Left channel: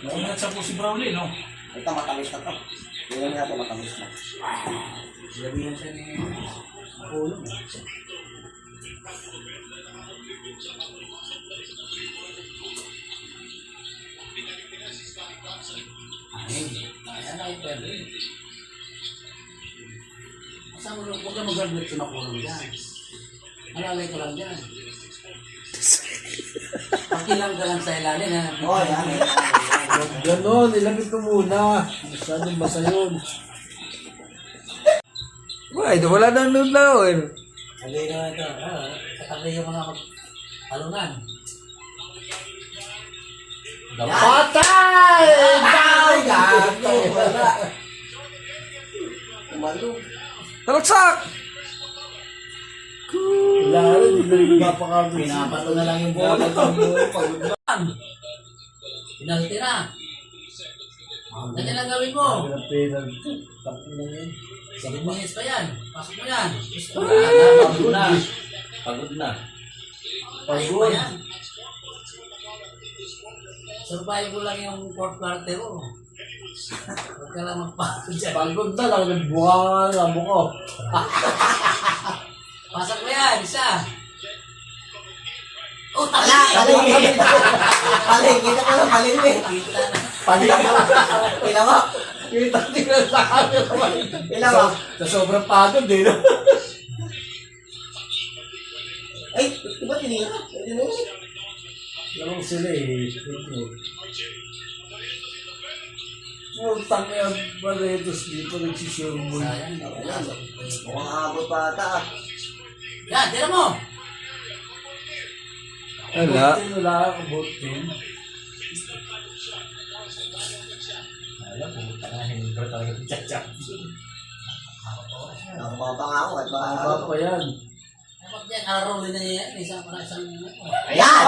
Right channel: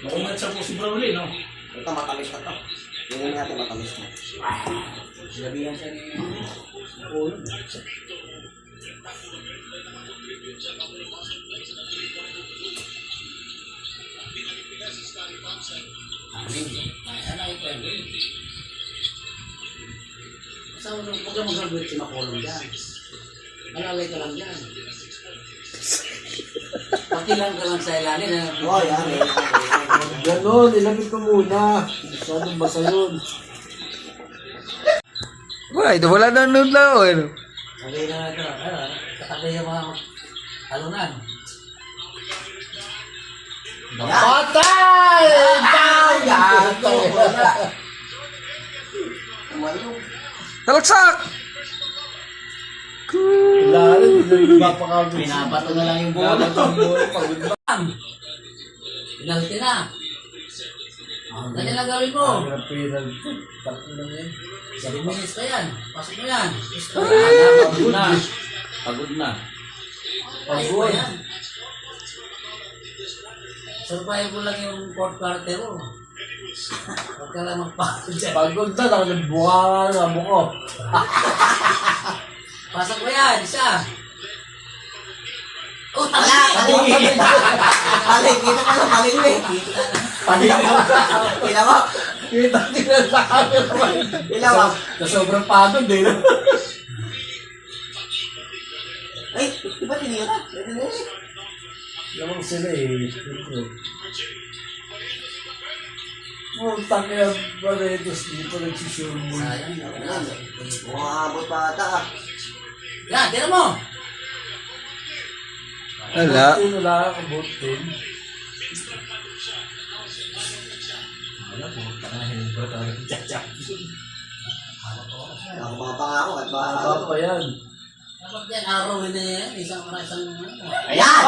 Maunat sa po si Brawley, no? Ito matamis na to. Yung nga ito matamis na. Sinabihan siya ni Ulo. Ayan, ay pwede. Saan mo, huwag ka mag-graduate si Makulong dyan. Malalay ka lang dyan. Pakilang ka lang sa ilalim, ha? Oo, yan. Ganon, ilagay ko muna. Masyadong basa yun. Why? Wala na noon na ako. Sabi na ito, katabi yung mga talunan. Patay! Talaksak! Wala rin, hindi mapakagod. Pinabato na lang yung bola. Pagod na. Pinalti na. Ganyan lang gawin mo. Ang penalty. Tatlo lang yan. 7 minutes pa yan. Pasok mo yan. Pagod na. Pagod na. Pagod. Survive mo lang yung 4th quarter mo. Huwag ka lang magpapagod dyan. Pagod na lang. Nagbuka nga mo ko. Pasok mo yan, isa. Oh, Wala, tali! paling. Paling, kita ko yung paling eh. Pila mo? Kita tingnan sa camera. Pila mo? Sa sobrang pagod eh. No? Ay, di ba tinira? Pwede na yun. Lamang sila eh. Puntang kaya Barretos dito nagsisurmul. Mukhang abot pa ata ka. Yan, tira mo! Wala. Buti nila ako, buti. Wala po, tanahin ko talaga yung tiyatsak. Ako mga pangako at baka... Haba pa yan. Dapat yan, arrowin na yan. Isang. Ayan!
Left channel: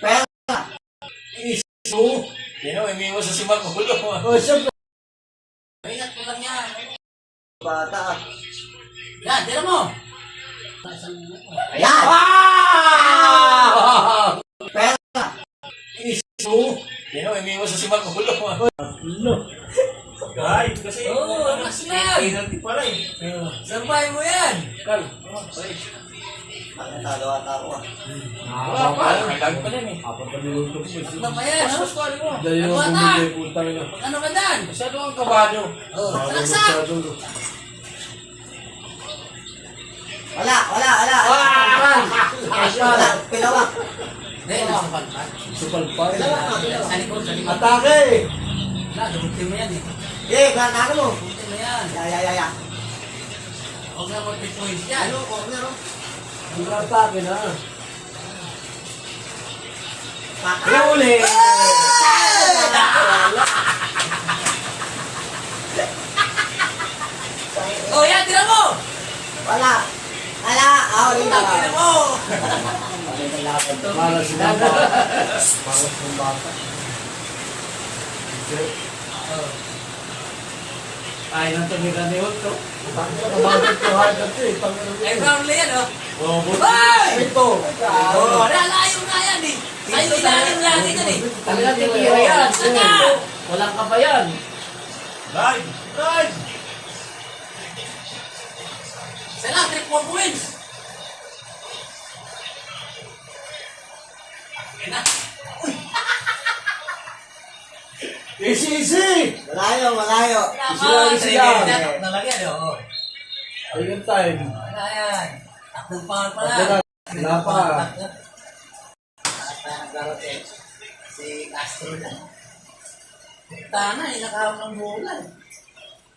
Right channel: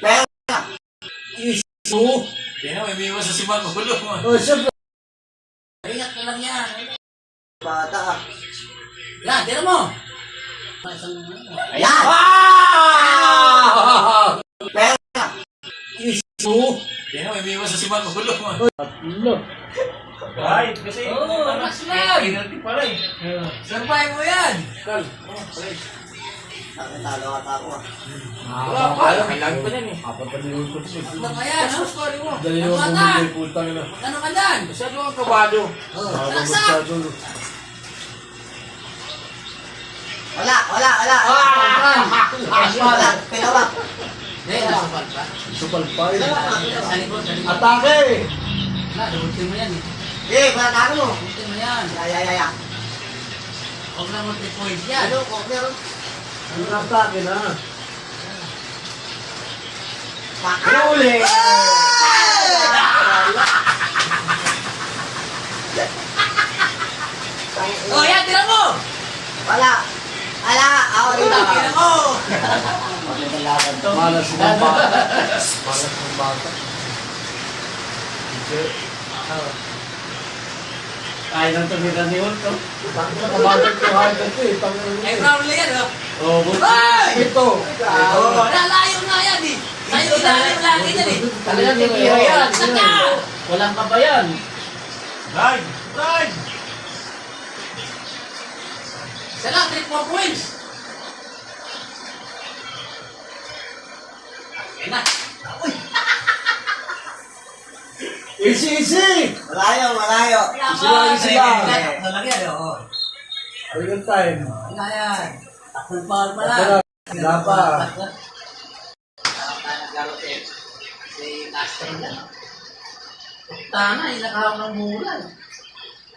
Pero, Isu. Yan o, may miwas sa si Magulo. O, siyempre. Ingat ka lang yan. bata ka. Yan, tira mo! Ayan! Pero, Isu. Yan o, may miwas sa si Magulo. Tatlo. Kahit kasi... Oo, relax lang! pala eh. Survive mo yan! Kal. nakatalo ata ako ah. Wala pa. Kailangan pa yan eh. Apat pa niluto ko. Ano pa yan? Ano story mo? Dahil yung Ano bumili putang na. Ano ka dyan? Masyado ang kabado. Oh, Masyado, relax lang! masyado. Wala, wala, wala. Aspan. Wala, pinawa. Hindi, nasa pan pa. Supal pa eh. Sa likod, sa likod. Atake! Wala, dubutin mo yan eh. Eh, bata mo. Dubutin mo yan. Ya. Huwag na mo 3 points yan. Ano, corner oh. Ang atake na. Huli! Oh, yan, tira mo! Wala. Wala, ako dito. Tira mo! Malas ng bata. Malas ng bata. Hindi. Kaya nang tumira ni Hulk. Tangin na kabagod ko hagad ko eh. Tangin na Ay, Brownlee yan, oh. Oh, buti. Ay! Ito. Oh, nalayo nga yan eh. Sa'yo ilalim lagi yan eh. Talagang titira yan. Saka! Walang kabayan. Ride! Ride! Sana, 3-4 points. Ayan na. Uy! Easy! Malayo, malayo. Sila, sila. Nalagyan, oh. Ayun time. Wala yan. Takbong power pa Ito lang. na. Wala pa. Naglaro si Castro na. Tana, inakahawak ng bulan.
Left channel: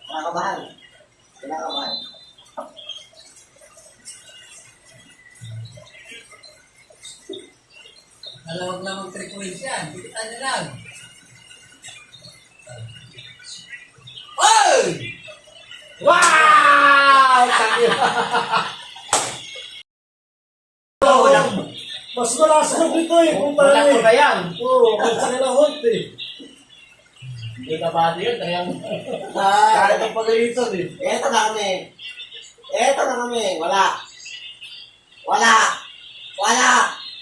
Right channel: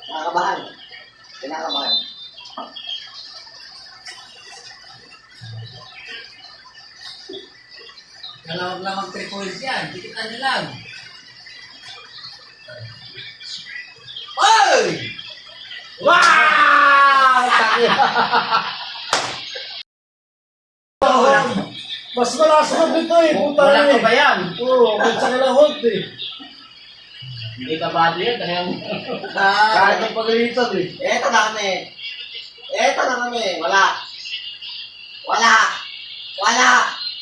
Kinakabahan. Kinakabahan. Nalawag lang mag 3 points yan. Dikitan nyo lang. Oy! Wow! Taki. Mas malakas ko dito eh. Puta na eh. yan? Oo, kahit sa kilahot eh. Hindi ka ba yun? Kahit ang pagalitan eh. Eto na kami. Eto na kami. Wala. Wala. Wala.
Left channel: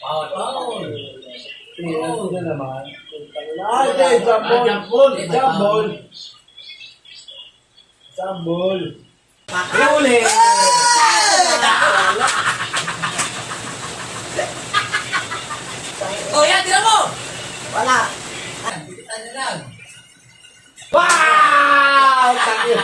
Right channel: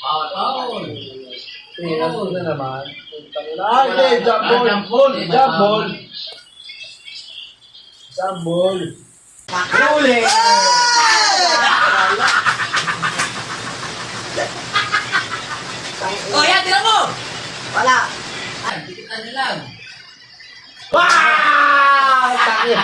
Power, power. Tingnan ko na naman. Ay, hindi, jump ball. Jump ball. Jump ball. Jump ball. Huli! Oh, yan, tira mo! Wala. Tikitan nyo lang. Wow! Tangina.